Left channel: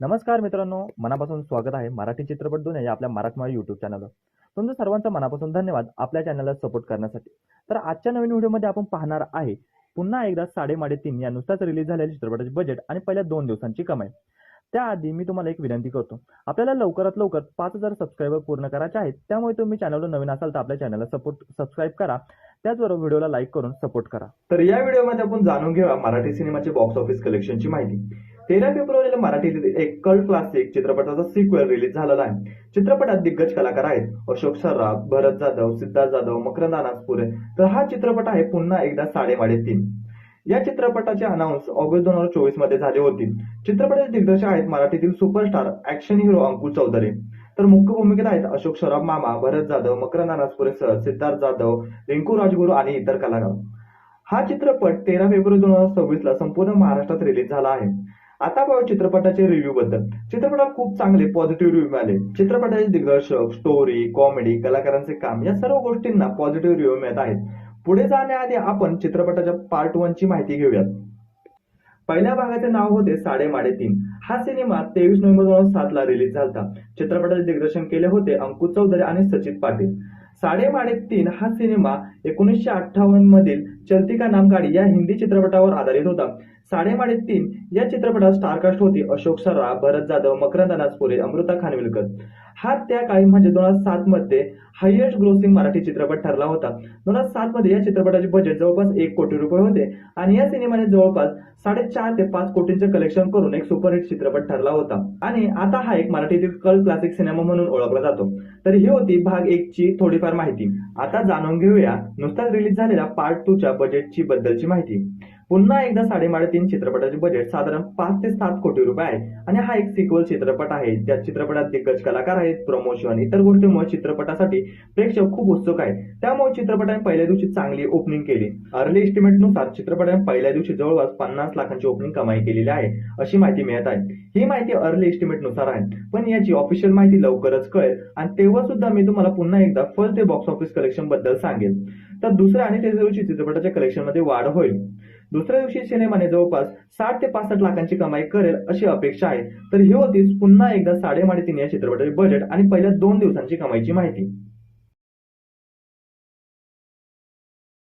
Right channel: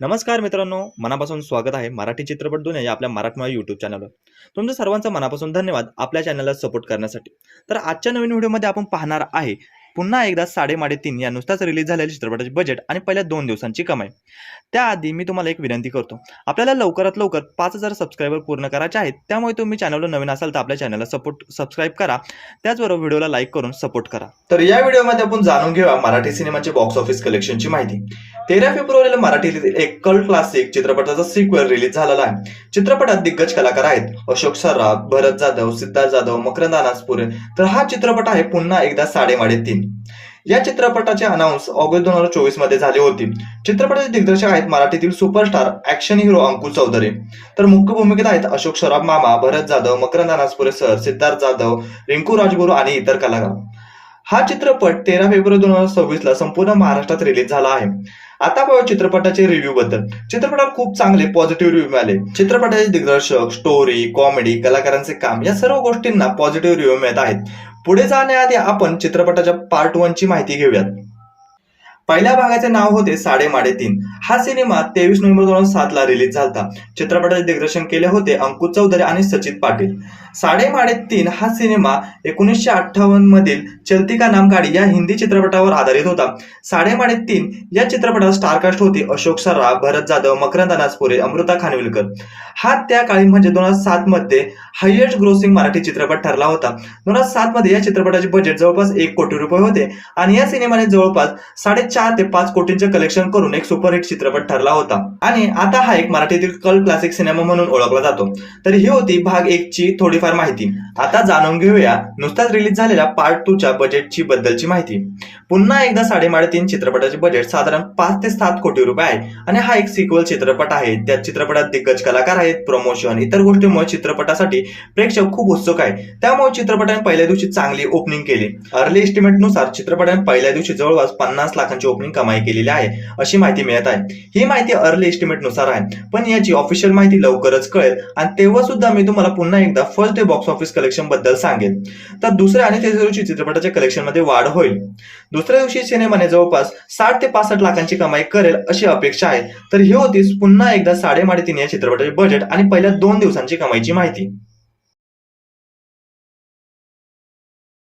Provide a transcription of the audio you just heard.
नमस्कार मित्रांनो, मनापासून स्वागत आहे मराठी चित्रपट दुनिया या आपल्या मराठमोळ्या यूट्यूब चॅनलवर. तुमचं सर्वांचं मनापासून धन्यवाद आपल्या चॅनलला सपोर्ट करण्यासाठी. तर आजच्या नवीन व्हिडिओमध्ये आपण पाहणार आहे पुन्हा एकदा 3.5 या नुकताच रिलीज झालेल्या चित्रपटाचे बजेट आणि पहिल्या 2 दिवसांची कमाई. त्याआधी मी तुम्हाला एक विनंती करतो. आपल्याला लवकरात लवकर 5,000 सबस्क्रायबर पूर्ण करायचे आहेत. त्यामुळे तुम्ही चॅनलवर नवीन असाल तर आपल्या चॅनलला सबस्क्राईब करा. त्याचबरोबर व्हिडिओला लाईक करून सपोर्ट करा. तर या व्हिडिओमध्ये आपण जाणून घेऊया मराठी सिनेमाचे बॉक्स ऑफिस कलेक्शनची माहिती. 13 फेब्रुवारीला मराठीतील एक कल्ट क्लासिक चित्रपटाचा सिक्वेल रिलीज झालेला आहे. चित्रपटात दिग्गज कलाकार आहेत अशोक सराफ, भरत जाधव, सिद्धार्थ जाधव, मकरंद अनासपुरे. तर हा चित्रपट आहे पुन्हा एकदा 3.5. या चित्रपटाचे अनाउन्स ऑगस्ट 2024 मध्ये झाले होते. चित्रपटाचे दिग्दर्शक आहेत मराठीतील superstar action hero Ankush Chaudhari. तर मुख्य भूमिकेत आहेत अशोक सराफ मामा, भरत जाधव, मकरंद अनासपुरे सर, सिद्धार्थ जाधव, रिंकू राजगुरू आणि इतर कलाकार. हा चित्रपट 13 फेब्रुवारी 2026 ला संपूर्ण महाराष्ट्रात रिलीज झाला आहे. आता पाहू चित्रपटाचे रिव्ह्यू बद्दल. चित्रपटाला खूप चांगले पॉझिटिव्ह रिव्ह्यू मिळाले. चित्रपटाचे दिग्दर्शक, स्टोरी, कॉमेडी, कलाकारांचे काम या सर्व गोष्टींना पॉझिटिव्ह रिव्ह्यू मिळत आहेत. पुढे जाण्याआधी आपण चित्रपटाच्या पार्ट 1 ची माहिती घेऊयात. पहिल्या भागाचे नाव होते 3.5. हा सिनेमा 23 नोव्हेंबर 2007 ला रिलीज झाला. चित्रपटाचे दिग्दर्शन केले होते अंकुश चौधरी आणि सचित पाटील. 3.5 हा सिनेमा 1958 मधील चलती का नाम गाडी या हिंदी चित्रपटावर आधारित होता. 3.5 या चित्रपटात स्टारकास्ट होते अशोक सराफ, भरत जाधव, मकरंद अनासपुरे, अमृता खानविलकर. हा त्या काळी म्हणजे 2007 मध्ये हायएस्ट ग्रोसिंग मराठी चित्रपट ठरला होता. 2007 मध्ये या चित्रपटाचे बजेट जवळपास 1 कोटी रुपये होते आणि या सिनेमाने जवळपास 4.5 ते 5 कोटींचे कलेक्शन करून एक सुपरहिट चित्रपट ठरला होता. आणि आता हा एक मराठीतील कल्ट क्लासिक सिनेमा म्हणून ओळखला जातो. तर ही होती भाग 1 ची थोडीफार माहिती. आता जाणून घेऊया नुकताच रिलीज झालेल्या पार्ट 2 च्या बजेटची बद्दलची माहिती. पुन्हा एकदा 3.5 चित्रपटाचे बजेट साधारण 5 ते 7 कोटी रुपये आहे आणि हा एक सिक्वल चित्रपट आहे. त्या चित्रपटात दिग्गज कलाकार आहेत, प्रमोशन, इतर गोष्टींमुळे चित्रपटासाठी प्रेक्षक खूप उत्सुक आहे. त्यामुळे चित्रपटाने पहिल्या दिवशी चांगली ओपनिंग केली. अर्ली एस्टिमेट नुसार चित्रपटाने पहिल्या दिवशी जवळपास 50 लाखांची ओपनिंग कमाई केलेली आहे अशी माहिती मिळत आहे. ही माहिती अर्ली एस्टिमेट नुसार आहे, पण याची ऑफिशियल माहिती लवकरच कळेल आणि तेव्हा सुद्धा मी तुम्हाला पुन्हा एकदा first day box office collection बद्दल सांगेन. तर दुसऱ्या आणि तिसऱ्या दिवशी चित्रपटाच्या कलेक्शन मध्ये वाढ होईल. दुसऱ्या दिवशी सिनेमाने जवळपास 60 ते 65 लाखांची कमाई करेल अशी अपेक्षा आहे. तर ही होती पुन्हा एकदा 3.5 या चित्रपटाचे बजेट आणि पहिल्या 2 दिवसांची कमाईची माहिती.